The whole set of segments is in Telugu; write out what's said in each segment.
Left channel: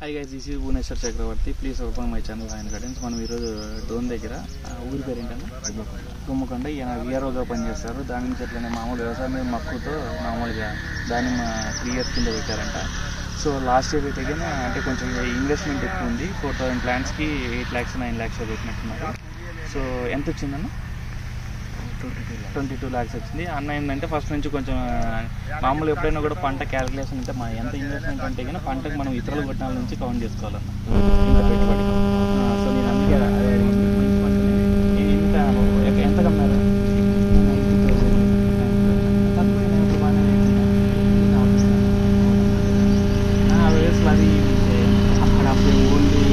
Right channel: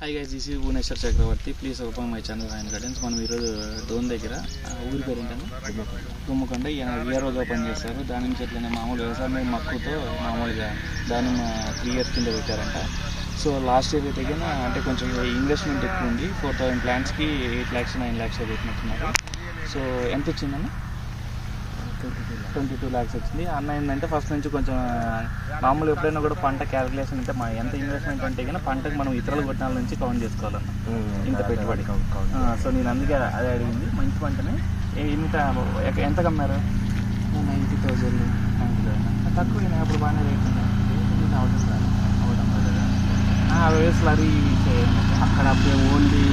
Hi guys, this is Bhubaneswar Chakravarthi. Please open my channel ఆయన గైడెన్స్. మనం ఈరోజు డోన్ దగ్గర ఊరి పేరు ఏంటన్నా గుమ్మకొండ. ఈయన విఆర్ఓగా పనిచేస్తారు. దాని నుంచి ఎట్లనే మామూలు వ్యవసాయం మక్కువతో మామూలుగా దానిమ్మ 3 years కింద పెట్టారంట. సో లాస్ట్ ఇయర్ అయితే అంటే కొంచెం ఇన్వెస్ట్మెంట్ ఎక్కువ ఉంది. 4000 ప్లాంట్స్కి 8 lakhs 9 lakhs పెట్టినట్టున్నారు. సో ఎంత వచ్చిందన్న? 22 lakhs వచ్చింది. అన్న ఏంటంటే ఫస్ట్ నుంచి కొంచెం మామూలు ఎప్పుడైనా కూడా పంట క్యాలిక్యులేషన్ అంటే ఎంత ఇన్వెస్ట్మెంట్ అంటే కానీ పంటకు మనం ఇతరుల కొట్టాల నుంచి కౌంట్ చేసుకోవాలన్న ఇంత పెట్టుబడి. సో నేను అందుకే అదే అడిగింది. మంచి పంటని ఎంత కమ్మారు? 90,000 తక్కువ. అప్పుడు బాగానే వయసులో అది అక్కడ ఓన్లీ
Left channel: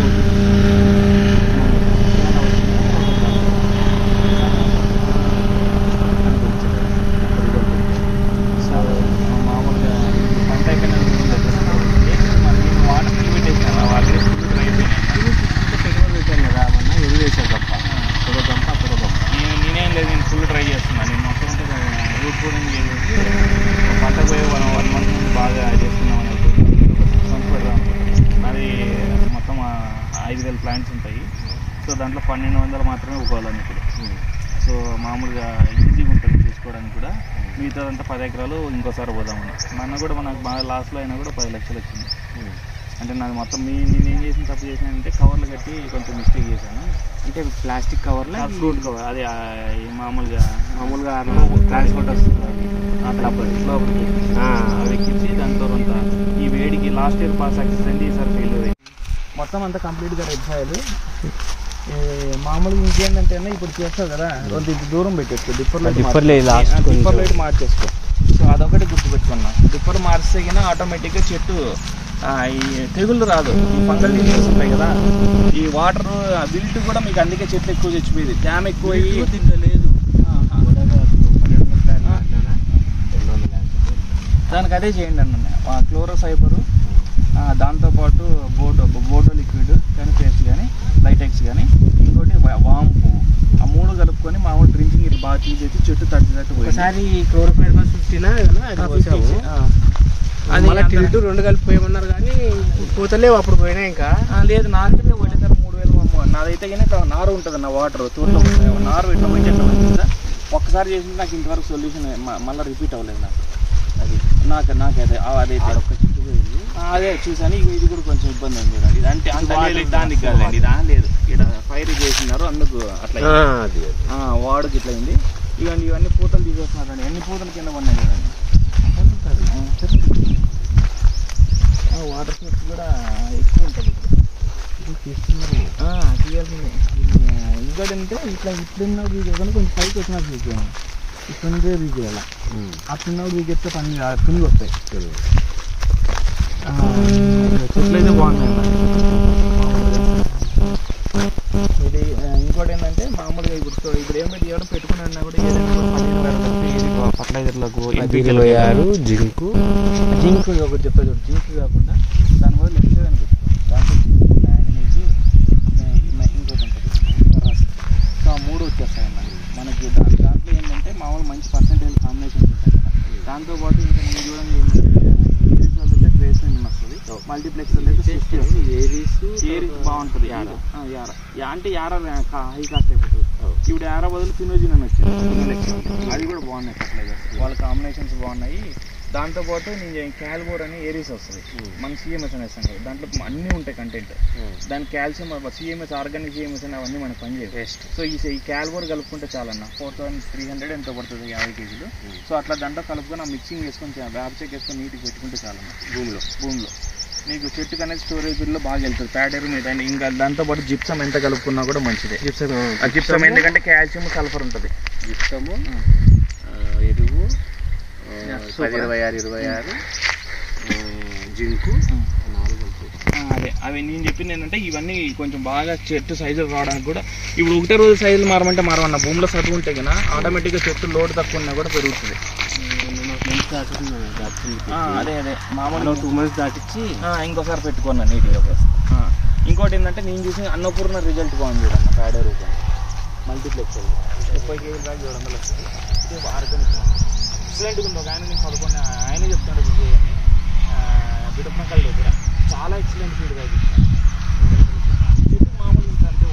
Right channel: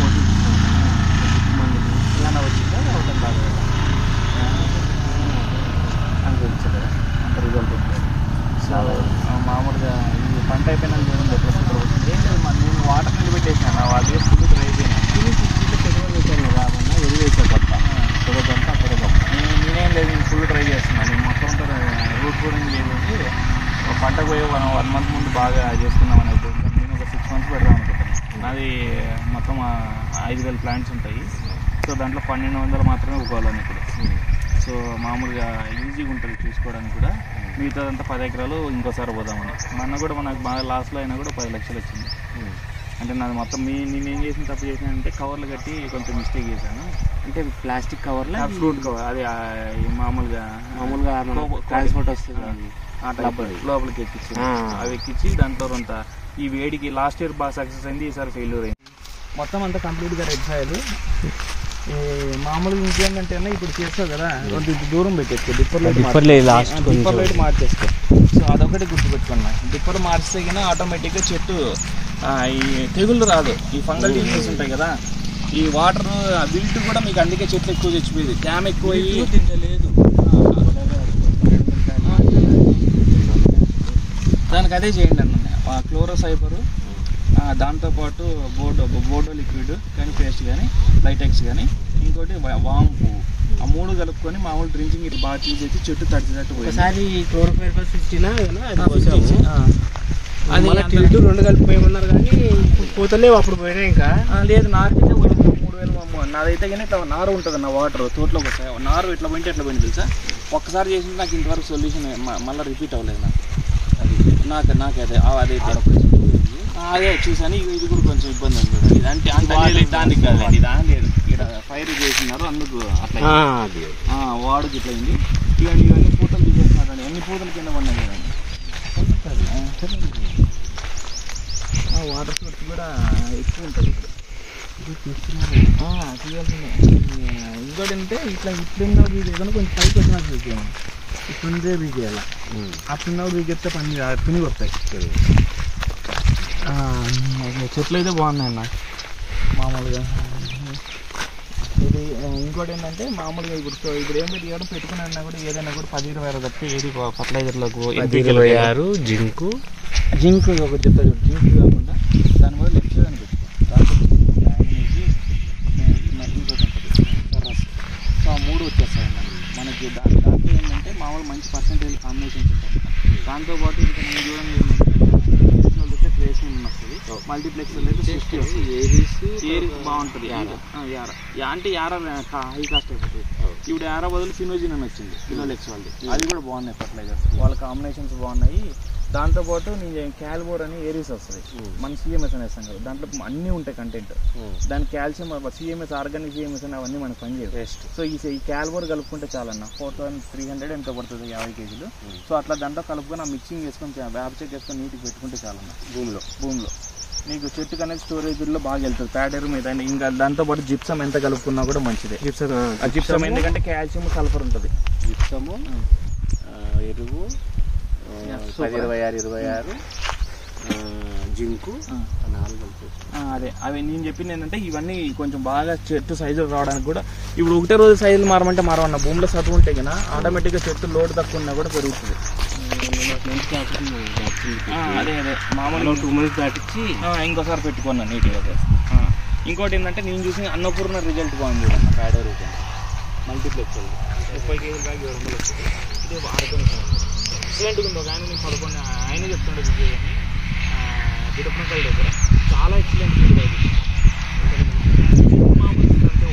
కోటి మామూలుగా ఈ పంట అయిపోయినా నేను వాటర్ పెట్టేసాను. వాళ్ళు వేసుకుంటూ ట్రై అయిపోయినాను. పెట్టుబడి పెట్టాను కదా మొన్న ఎదురు వేసాను గంప అక్కడ గంప. నేనేం లేదు, నేను ఫుల్ ట్రై చేస్తున్నాను. నేను మొత్తం ఉంటుంది రూట్ కూడా చేసేసి పంట పోయి 1 month ముందు బాగా చేస్తున్నాం అని అనుకుంటున్నాను. నేను ఒక 6 months పెడదాం అనుకుంటున్నాను. నాది మొత్తం 5,000 ప్లాంట్స్ ఉంటాయి. సో దాంట్లో 1,200 మాత్రమే ఉకోవాలని ఇప్పుడు. సో మామూలుగా ఈజీగా ఉంటుంది చూసుకోవడానికి కూడా. మిగతాదంతా 10 acres ఇంకోసారి పోదామని. మనకు బాగా లాస్లో అయినా కూడా 10 lakhs వచ్చింది. అంటే నాది మొత్తం నేను ఏం చేసిన తప్పు చేసానంటే కవర్లు కట్టి కొంచెం మిస్టేక్ చేశాను. అంటే ప్లాస్టిక్ కవర్లో ఫ్రూట్ కవర్ అది మామూలుగా ట్రాన్స్పోర్ట్ వస్తుంది లోపలికి అవి ఎక్కించి దాంతో కొంత ఈ వేడికి లాస్ట్ ఇయర్ బాగా సక్సెస్ అయింది, ఈసారి ఫెయిల్యూర్ అయింది. మొత్తం అంతా కంప్లీట్గా రెడ్ సాయిల్. మామూలుగా ఇంకేంటంటే ఇప్పుడు చేస్తావు కదా కొంత దూరం పెట్టేసుకో, డిప్పర్ లైట్ మార్చేసుకో. సో అదొకటి గుర్తుపెట్టుకున్నా. డిప్పర్ మార్చితే కన్నా ఆటోమేటిక్గా చెట్టు ఈ తెగుళ్ళు రాదు. ఈ ఫంగల్ డిసీజెస్ ఉంటాయి కదా, ఈ వాటర్ విల్ట్ కూడా మీకు అందుకే చెట్లు ఎక్కువ చచ్చిపోయేది. డ్యామ్ ఎక్కువ లేదు. దానికి అదే చేయండి అన్న, క్లోరోసైపరు దాంతోపాటు బోర్డో లిక్విడ్ కానీ పేస్ట్ కానీ లైటెక్స్ కానీ ఇంకోటి వాంపు, ఆ 3 కలుపుకొని మామూలు డ్రింకింగ్ ఇట్లా బాగా తీసేసి చెట్టు తట్టినట్టు పోయింది. అది 2 కలిపిపోయిన్నారు కానీ పూతలేవు అప్పుడు పోయినా. ఇంకా లేదు, నాకైతే 3,000. నాదైతే కానీ ఇట్లా నారు ఉంటుంది నా వాటర్ తోటలో నారు ఇట్లా మంచి ఎట్లా మంచిది సార్. ఒక్కసారి చేసింది నాకు ఇంతవరకు సొల్యూషన్ మళ్ళీ రిపీట్ అవ్వలేదు నాకు. అది నాకు అదే చూసాను. ఇది కూడా కొంచెం ఇబ్బంది ఉంది చూడండి. అంటే దానికి కాదండి, లేదు ఇక్కడ ఫైర్ చేసినారు అందుకు అట్లా వాడుకి ఇట్లా అయింది. ఇవన్నీ పూతలు తీసేస్తున్నారండి. అన్ని పూతలు కింద పడినాయి కదండి. వాటర్ సోర్స్ కూడా ఎక్కువ ఉంటుంది తీయాల్సింది. ఇంకోటంటే ఇట్లా ఇప్పుడున్న వీడియో కొంచెం పైకి వచ్చినా చూసాను. ఇప్పుడుందే వీడియోలా అట్లున్న వీడియోస్తే పని తుని వస్తాయి. చెట్లు అయితే బాగున్నాయి. ఇది ఇంకోటి ఏంటంటే మామూలుగా ఇప్పుడు ఏమో తీయడం పెట్టుకున్నా కూడా ఏదైనా 15,000 తప్పి ఏది ఫర్టిలైజర్లకు జింక్ ఒకటి చెప్తారు. జింక్ కాకుండా దాని వల్ల లెఫ్ట్ అని పెట్టుకోండి. ఇంకోటి ఉంటుంది రస్. సో ఆ 3 వచ్చేస్తాయి అన్న మనకి. దాంట్లో ఏంటంటే మామూలు మంచి పర్సెంటేజ్ కాంబినేషన్స్ ఉంటాయి. దాంతోపాటు ఇంకా నేను చూడండి ఏంటంటే అయితే క్రేషన్ వస్తుంది, మల్టీప్లెక్స్లో అయితే 50 వస్తుంది. ఏరీస్ బాగుంటుంది. అంటే యారా హై కాస్ట్ అయిపోతుంది. ఇప్పుడు యారా బదులు ఫినోజిన్ అని వచ్చింది, ఫినోలెక్స్ వాళ్ళు. అది కూడా బాగున్నాయి ఫర్టిలైజర్స్, వాళ్ళ కాంబినేషన్స్ బాగున్నాయి. దాంతోపాటు నేను క్యాల్బోర్ అని ఏరీస్ వస్తుంది. మన సిఎంఎస్ అనేస్తాం కదా, దాంట్లో అన్నీ ఉంటాయి కంటెంట్. దాని కాల్షియం సిఎంఎస్ ఆర్గానిక్ సిఎంఎస్ అని అవన్నీ మనకు పనిచేయాలి. సో ఈ క్యాల్బోర్ కలుపుకుంటే చాలన్న 4,300 ఎంతో పడుతుంది 50 kgs. సో అట్లా దాంట్లో కలుపుకొని ఆ మిక్సింగ్ వేసుకొని వేప చెక్ వేసుకొని నీట్గా పెట్టుకుంటే చాలన్న. భూమిలో నీకు చెట్టుకు అనేది స్టోరేజ్లో బాగా వెళ్తుంది. ప్యాడర్ మీద ఇంకా దాంతోపాటు జిప్సమ్ ఎంత కలుపుకున్నా కూడా మంచిదే. జిప్సమ్ ఎందుకంటే కాల్షియం సల్ఫర్ ఉంటుంది. జిప్సము ఎరువు 10-26 జింకు 4 అదే అవి నేను చెప్పింది ఏంటంటే ఇవన్నీ కొంచెం బాగా చెట్టు సైజులు రావడానికి కూడా. ఇప్పుడు ఒకటే రోజు సైజులు మారమంటే మారవన్న. భూమిలో సరి ఉంటే కదా ఆటోమేటిక్గా చెట్టు లోడ్ తక్కువ ఉన్నా కూడా పెరుగుతుంది. అదే మామూలుగా 2 months దాటిచ్చి ఇంకోసారి పెట్టుకున్నా నీట్గా. ఇంకోటి ఏంటంటే నేను చూసిన అన్నపూర్ణ రిజల్ట్ బాగుంది చూడన్న. ప్యాడే రూపం మల్టీప్లెక్స్ 30 kg బ్యాగ్ 700 వస్తుంది. ఇది ఆర్గానిక్ ఎక్సలెంట్గా ఉంది. ఒక ఆయన నేను పడుకుని ఆయనే చెప్తాడు విజయ్ అని. గిడపనకల్ దగ్గర చాలా ఎక్సలెంట్ ఫీడ్ అది. మామూలు అంటే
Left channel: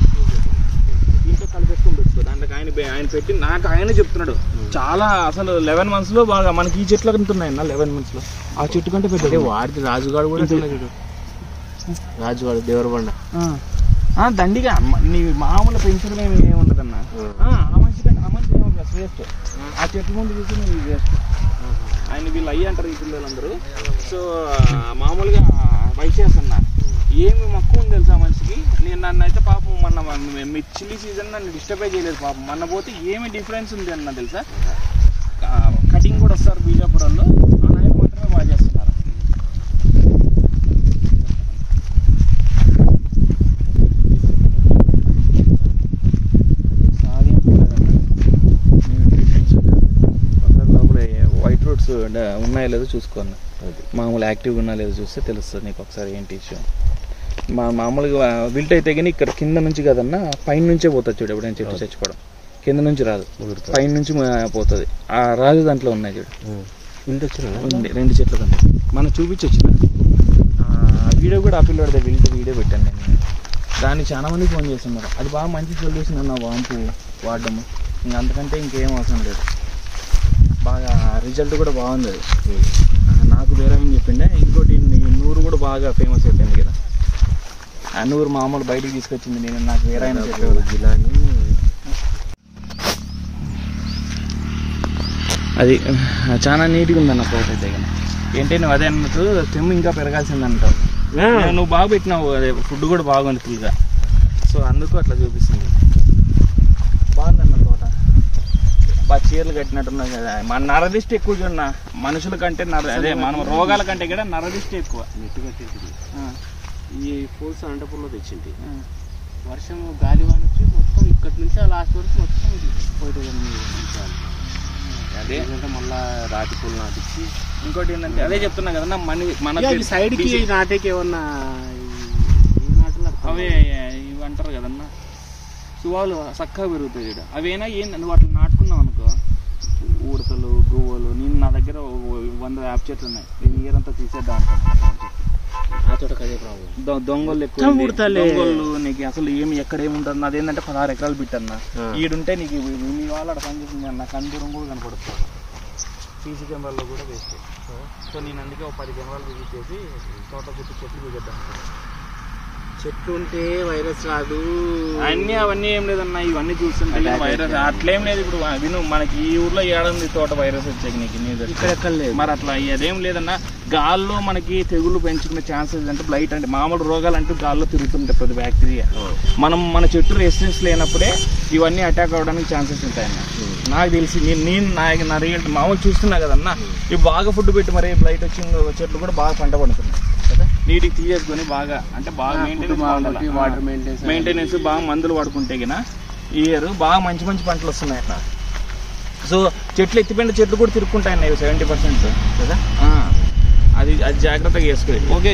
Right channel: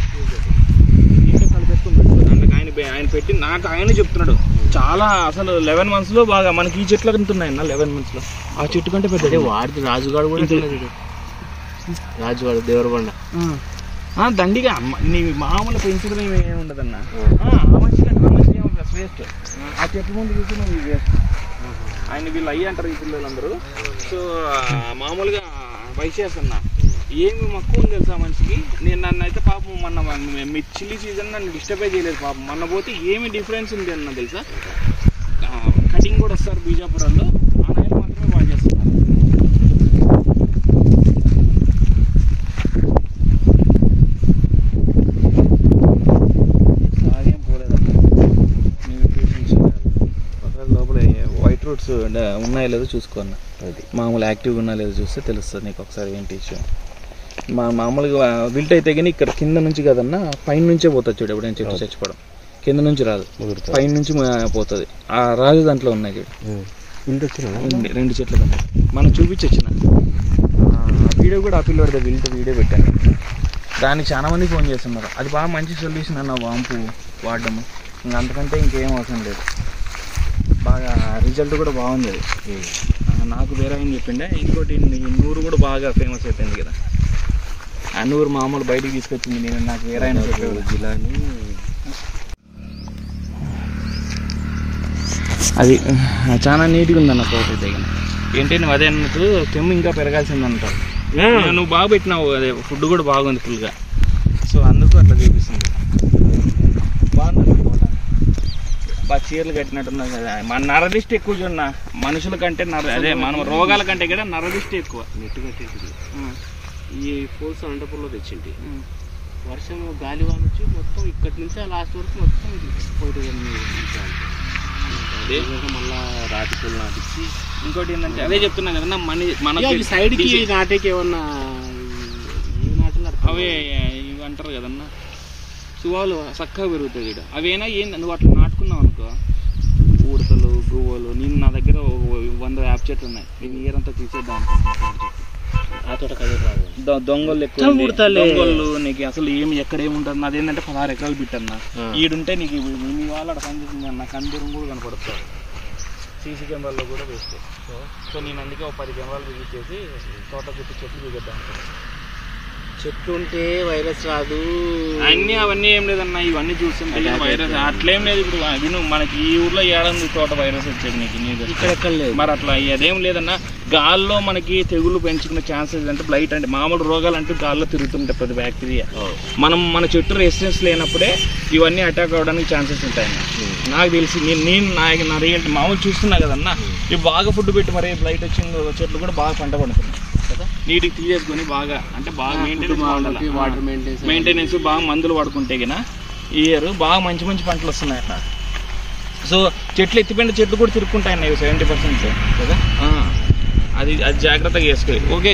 ఇంట్లో కలిపేసుకొని పెట్టుకోండి. అందుకు ఆయన పెట్టి నాకు ఆయన చెప్తున్నాడు చాలా అసలు 11 months లో బాగా మనకి ఈ చెట్లు ఉంటున్నాయన్న 11 months లో ఆ చెట్టు కంటే పెద్ద. వాడికి రాజుగాడు కూడా చూడు, రాజుగాడు దేవరబండ దండిగా నీ మామూలు పెంచడం ఏమి ఉండదన్న. వేస్ట్ ఆ చెట్ల ముందు చూసి నువ్వు వేస్ట్. ఆయన వీళ్ళు అయ్యి అంటారు ఈ పిల్లలందరూ. సో మామూలుగా వైసేస్ అన్న ఏమి మక్కువ ఉంది తెలుసా మనిషికి. నేను నన్ను అయితే పాపం మొన్న చిల్లీ సీజన్ నన్ను డిస్టర్బే చేయలేదు పాపం. మొన్న పోతే ఏమి డిఫరెన్స్ ఉంది అన్న తెలుసా. కటింగ్ కూడా వస్తారు బీజాపురంలో, ఆ నాయకు మాత్రమే బాగా చేస్తున్నారు. సాగేం పోలేదన్న. లోపల వైట్ రూట్స్ ఉన్నాయో లేదో చూసుకోన్న. మామూలు యాక్టివ్గా ఉన్నాయో లేదో చూస్తే తెలుస్తుంది నీకు ఒకసారి ఏంటి ఇష్యూ. మామూలుగా విల్ట్ అయితే కానీ ఇక్కడ కింద నుంచి కదన్నా పైన నుంచే పోతుంది చూడు. ఎప్పుడైనా చెట్టు చచ్చిపోవడం కింద నుంచి రాదు, పైన నుంచి పోతుంది. ఆ రాజు దాంట్లో ఉన్నాయి చూడు, ఉంది 2 చెట్లు కన్నా. మనం చూపించొచ్చిన వీడియో కూడా ఆ పిల్లడితే విల్ట్ వీడియో పెట్టాను నేను. దానికి చాలా మంది ఫోన్ చేస్తున్నారు. అది బాగా మంచి సొల్యూషన్ అన్న వాంపు వాడడము. ఇంకా అంతకంటే ఇంకేం అవసరం లేదు. బాగా రిజల్ట్ కూడా బాగుంది అది. నాకు వేరే ఏం చెప్పిండే. ఇంకోటి నూరు కూడా బాగా ఫేమస్ అయిపోయింది కదా. ఆ నూరు మామూలు బయటికి తీసుకొచ్చింది నేను. నాకు వేరే అయినా చెప్పాడు జిల్లాని. అది చాలా నీట్గా ఉందన్న తోట అయితే. ఏంటి నువ్వు అదే అన్నట్టు స్టెమ్ ఇంకా పెరగాల్సింది అంటావు. నువ్వు బాగా పెట్టినావు, అదే ఫుడ్ కూడా బాగుంది ఫుల్గా. సో అందుకు అట్లా చూపిస్తుంది. బాగుందన్న తోట. బాగా చీరలు కట్టినట్టున్నా కదా. మన నరదిష్టి ఎక్కువ చూడన్నా మనుషుల కంటే. అదే మనం రోగాల కంటే కూడా నరదిష్టి ఎక్కువ. నెట్టు కట్టేది ఈ ఫోల్స్ అనంతపురంలో తెచ్చింది. వర్షం గాలి వాన వచ్చి మొత్తం ఇక్కడి నుంచి ఆ లాస్ట్ వరకు మొత్తం పోయేది. అదే మళ్ళా రాతి పూలు నాటించి. ఇంకోటి ఏంటంటే అదే చెప్తున్నా కదన్నా మన సైడ్కి నాటేకి ఏమన్నా ఏ నాటలు అవే ఇవి అంటారు కదన్నా సువాలు చక్కగా పెరుగుతాయి ఇక్కడ. అవేనా ఏంది నువ్వు అట్లా నాటుకున్నావు అనుకో, ఉడతలు గువ్వలు. నేను నా దగ్గర 100 వేప చెట్లు ఉన్నాయి. నేను ఇయర్ అంతా తీసేద్దాం అనుకున్నాను. దొంగలు ఎక్కువ దొంగలు నీకు అసలు ఏమి ఎక్కడ ఏముంటుంది. అదేంటంటే 16 ఎకరాలు బిట్టన్నా. ఈడుంటే నీకు మీ వాళ్ళు అక్కడ పనిచేసింది అన్న కందూరం కూడా కనపడుతుంది. సీసీ కెమెరాల్లో కూడా వేస్తే. సో నేను అందుకే 10 కెమెరాలు విజిట్ చేసి తోట గుర్తు చెట్లు దిగేద్దాం. చెట్లు ఉంటే వైరస్ రాదు అవన్నీ ఏం లేదన్నా. ఇవన్నీ చూస్తుంటే వైరస్ అట్లేం లేదు. ఇప్పుడు విను, మనకి ఈ ఊర్లో ఏడుంది తోట వైరస్ వచ్చేది నీకు ఇక్కడ లేదు. మరి అట్లా అదేం లేదన్నా. గాల్లో మనకి తెగులు పెంచుకునే ఛాన్సెస్ అంటే బ్లైట్ అంటే మామూలు రోగాలు అంటూ గాల్లో తిరుగుతుంటాయి ప్రతి బ్యాక్టీరియా. మన చెట్టు రెసిస్టెన్స్ లేనప్పుడే ఇవన్నీ అటాక్ అవ్వడానికి ఛాన్సెస్ ఉంటాయన్న. నాకు తెలిసి నేను నా రియల్ మామూలు చూస్తున్నా కదన్నా. ఇవి బాగా ఫుడ్ పెట్టి మరి బ్లైట్ వచ్చిన చెట్లు కూడా బాగా పంట పడుతున్నాయి కదా. నీటికి తీసేసుకొని బాగా అంటే బాగా మెయింటెనెన్స్ బాగా మందులు వాడుకుంటే గిన ఈ ఇయర్ బాగా మంచి పంటలు వస్తున్నాయి అట్లా. సో చెట్లు ఎత్తిపోయిన చెట్లు కూడా తిరుక్కుంటాయి అన్న 70% కదా. అది జాగ్రత్తగా చేసుకోవాలి. ఓకే.